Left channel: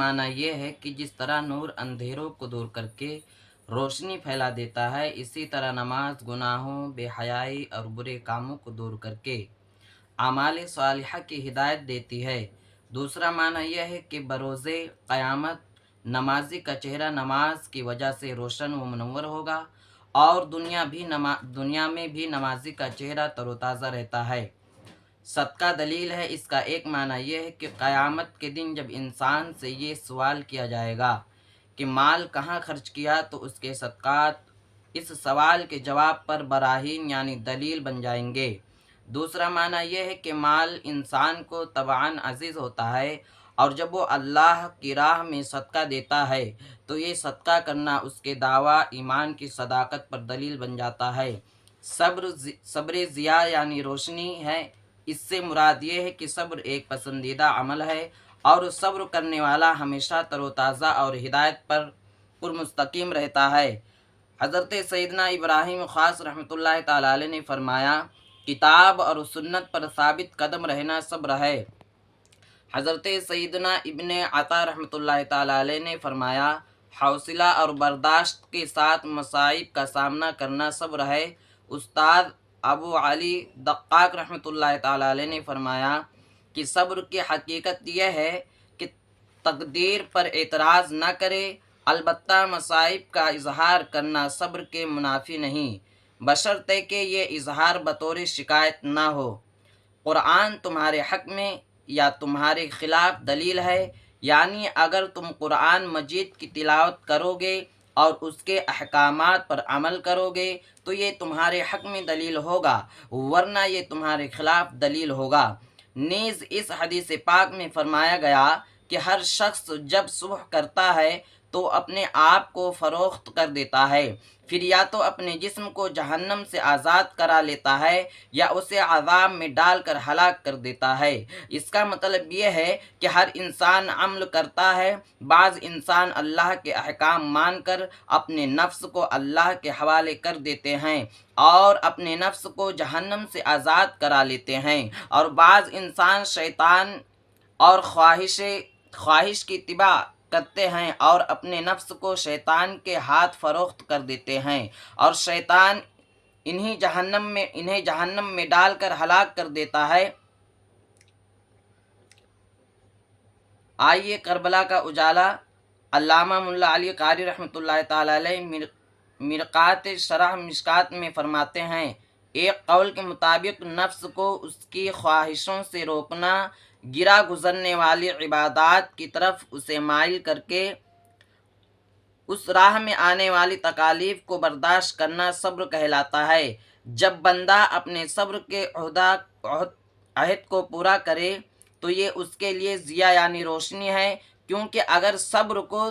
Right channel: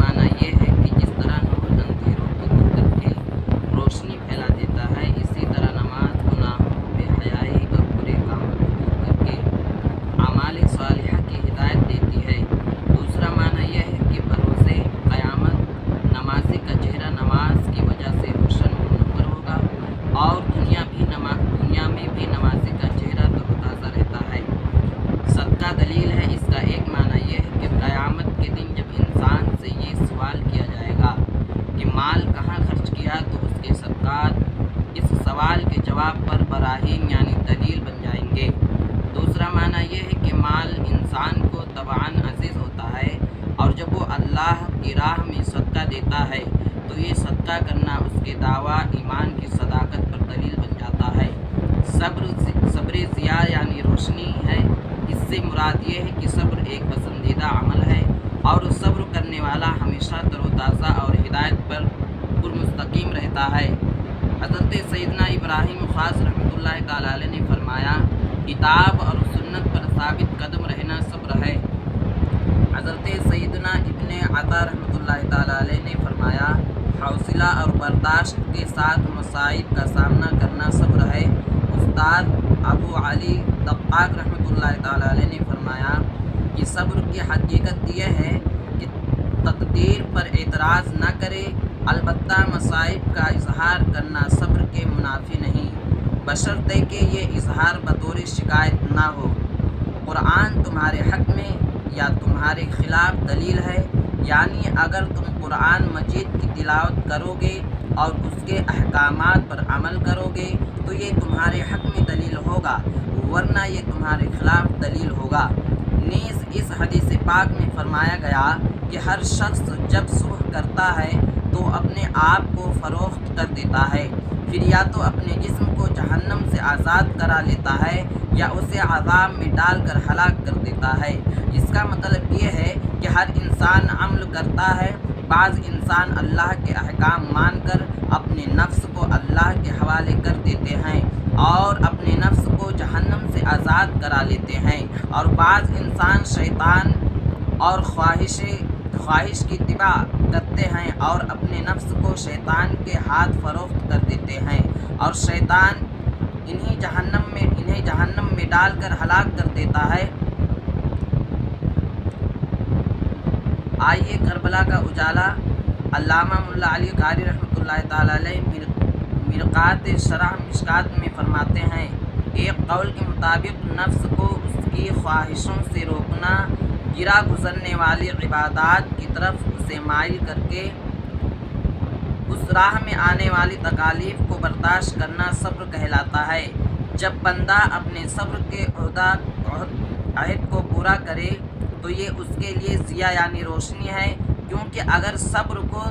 معنی یہ ہے کہ جس طرح نور اندھیروں کو دور کر کے روشنی پھیلا دیتا ہے، اسی طرح نماز گناہوں، بے حیائی اور برے کاموں کو دور کر کے اعمال صالحہ کی ہدایت دیتی ہے۔ دوسرا معنی یہ ہے کہ بروز قیامت نمازی کا چہرہ نماز کی وجہ سے روشن و منور ہوگا، اور دنیا میں بھی نمازی کا چہرہ تر و تازہ رہتا ہے۔ صدقہ دلیل ہے۔ اس کا ایک معنی یہ ہے کہ قیامت کے دن جب انسان سے یہ سوال کیا جائے گا کہ مال کہاں خرچ کیا، تو اس کے صدقات اس سوال کے جواب پر براہین یعنی دلیل بن جائیں گے۔ دوسرا معنی یہ ہے کہ مال انسان کو طبعاً عزیز ہوتا ہے، اور جب وہ اللہ کی راہ میں صدقہ دیتا ہے تو یہ صدقہ کرنا اس کے دعویٰ ایمان کی صداقت پر دلیل بن جاتا ہے۔ صبر ضیاء یعنی روشنی ہے۔ اس سے مراد یہ ہے کہ صبر ایک پسندیدہ عمل ہے، اور صبر کرنے والا ہمیشہ تر و تازہ اور ہدایت پر مستقیم رہتا ہے۔ حضرت سیدنا ابراہیم خاص رحمۃ اللہ تعالیٰ علیہ نے فرمایا، کتاب اور سنت پر ثابت قدم رہنا صبر ہے۔ حضرت سیدنا ابن عطا رحمۃ اللہ تعالیٰ علیہ نے فرمایا، حوصلہ اور برداشت کے ساتھ مصائب کا سامنا کرنا صبر ہے۔ استاد ابو علی دقاق رحمۃ اللہ تعالیٰ علیہ نے فرمایا کہ صبر کی حقیقت یہ ہے کہ تقدیر پر اعتراض نہ کرے، البتہ مصائب کا اظہار کرنا صبر کے منافی نہیں، بشرطے کہ یہ اظہار بطور شکایت نہ ہو۔ قرآن تمہارے حق میں یا تمہارے خلاف دلیل ہے، یعنی اگر تم قرآن مجید کی تلاوت کرو گے اور اس کے احکامات پر عمل کرو گے تو یہ تمہارے حق میں دلیل ہوگا، ورنہ یہ تمہارے خلاف دلیل ہوگا۔ نیز اس حدیث پاک میں فرمایا گیا کہ ہر شخص جب صبح کرتا ہے تو اپنے آپ کو فروخت کر دیتا ہے، پھر یا تو اپنے جسم کو جہنم سے آزاد کرا لیتا ہے یا اسے عذاب میں ڈال کر ہلاک کر دیتا ہے۔ اس کا مطلب یہ ہے کہ ہر انسان عمل کرتا ہے، بعض انسان اللہ کے احکام مان کر اپنے نفس کو اللہ کے حوالے کر دیتے ہیں اور اپنے نفس کو جہنم سے آزاد کرا لیتے ہیں، اور بعض انسان شیطان اور خواہش کی اتباع کرتے ہیں اور اپنے نفس کو شیطان کے ہاتھ فروخت کر دیتے ہیں، اور شیطان انہیں جہنم میں ڈال کر ہلاک کر دیتا ہے۔ آئیے کربلا کا اجالا۔ علامہ ملا علی قاری رحمۃ اللہ تعالیٰ علیہ مرقات شرح مشکات میں فرماتے ہیں، ایک قول کے مطابق نفس کو اس کی خواہشوں سے روکنا، گرا گزرنے والی عبادات کی طرف اسے مائل کر کے اس راہ میں آنے والی تکالیف کو برداشت کرنا صبر کہلاتا ہے۔ جب بندہ اپنے صبر کے عہد کو پورا کرے تو یہ اس کے لیے ضیاء یعنی روشنی ہے، کیونکہ اگر صبر کو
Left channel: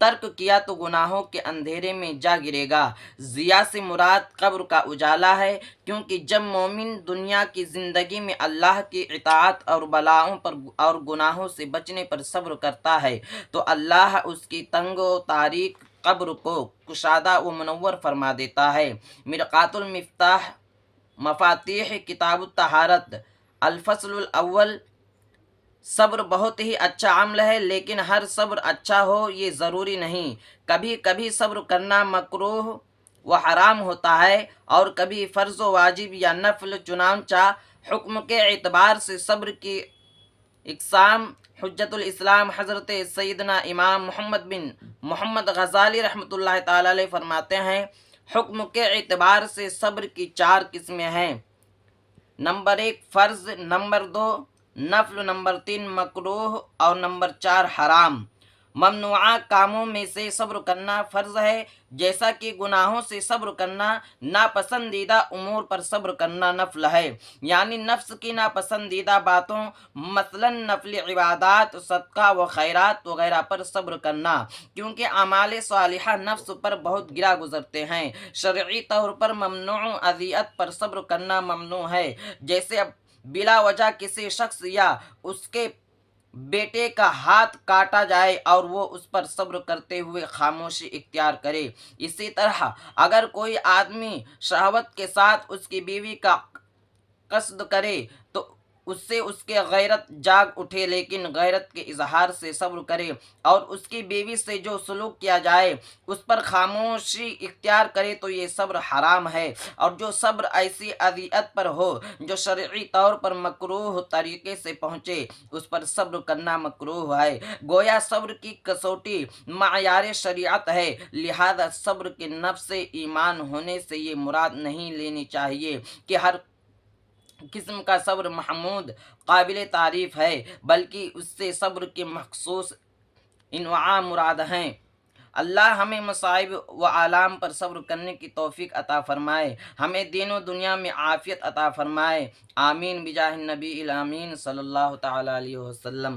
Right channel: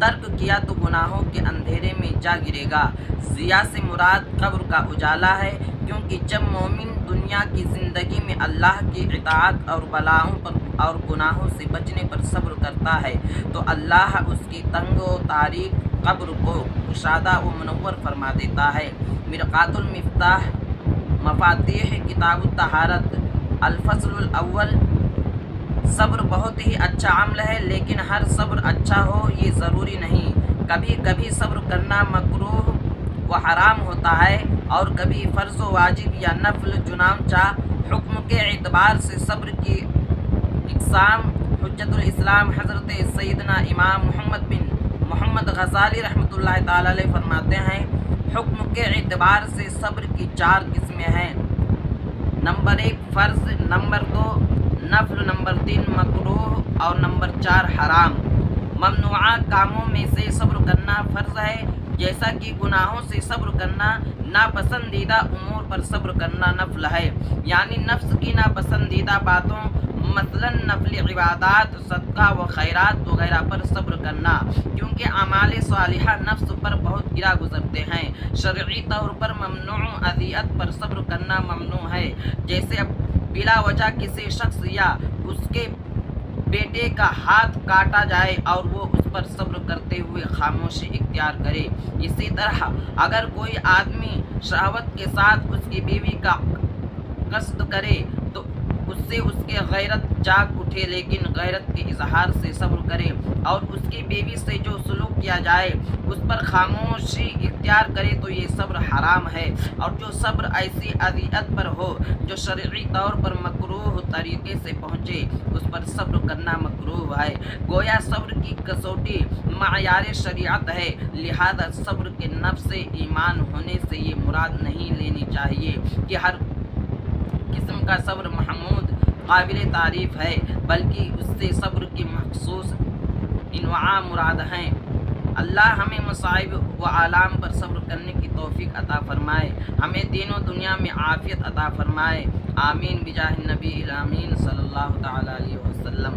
ترک کیا تو گناہوں کے اندھیرے میں جا گرے گا۔ ضیاء سے مراد قبر کا اجالا ہے، کیونکہ جب مومن دنیا کی زندگی میں اللہ کی اطاعت اور بلاؤں پر اور گناہوں سے بچنے پر صبر کرتا ہے تو اللہ اس کی تنگ و تاریک قبر کو کشادہ و منور فرما دیتا ہے۔ مرقات المفتاح مفاتیح کتاب الطہارت الفصل الاول، صبر بہت ہی اچھا عمل ہے، لیکن ہر صبر اچھا ہو یہ ضروری نہیں۔ کبھی کبھی صبر کرنا مکروہ و حرام ہوتا ہے اور کبھی فرض و واجب یا نفل، چنانچہ حکم کے اعتبار سے صبر کی اقسام حجت الاسلام حضرت سیدنا امام محمد بن محمد غزالی رحمۃ اللہ تعالیٰ علیہ فرماتے ہیں، حکم کے اعتبار سے صبر کی 4 قسمیں ہیں۔ نمبر 1 فرض، نمبر 2 نفل، نمبر 3 مکروہ اور نمبر 4 حرام۔ ممنوعہ کاموں میں سے صبر کرنا فرض ہے، جیسا کہ گناہوں سے صبر کرنا، ناپسندیدہ امور پر صبر کرنا نفل ہے، یعنی نفس کی ناپسندیدہ باتوں مثلا نفل عبادات، صدقہ و خیرات وغیرہ پر صبر کرنا، کیونکہ اعمال صالحہ نفس پر بہت گرا گزرتے ہیں۔ شرعی طور پر ممنوع اذیت پر صبر کرنا ممنوع ہے، جیسے بلا وجہ کسی شخص یا اس کے بیٹے کا ہاتھ کاٹا جائے اور وہ اس پر صبر کرتے ہوئے خاموشی اختیار کرے۔ اسی طرح اگر کوئی آدمی شہوت کے ساتھ اس کی بیوی کا قصد کرے تو اس سے اس کے غیرت جاگ اٹھے، لیکن غیرت کے اظہار سے صبر کرے، اور اس کی بیوی سے جو سلوک کیا جائے اس پر خاموشی اختیار کرے تو یہ صبر حرام ہے۔ اور جو صبر ایسی اذیت پر ہو جو شرعی طور پر مکروہ طریقے سے پہنچے، اس پر صبر کرنا مکروہ ہے۔ گویا صبر کی کسوٹی معیار شریعت ہے، لہذا صبر کے نفس ایمان ہونے سے یہ مراد نہیں لینی چاہیے کہ ہر قسم کا صبر محمود قابل تعریف ہے، بلکہ اس سے صبر کی مخصوص انواع مراد ہیں۔ اللہ ہمیں مصائب و آلام پر صبر کرنے کی توفیق عطا فرمائے، ہمیں دین و دنیا میں عافیت عطا فرمائے، آمین بجاہ النبی الامین صلی اللہ تعالی علیہ وسلم۔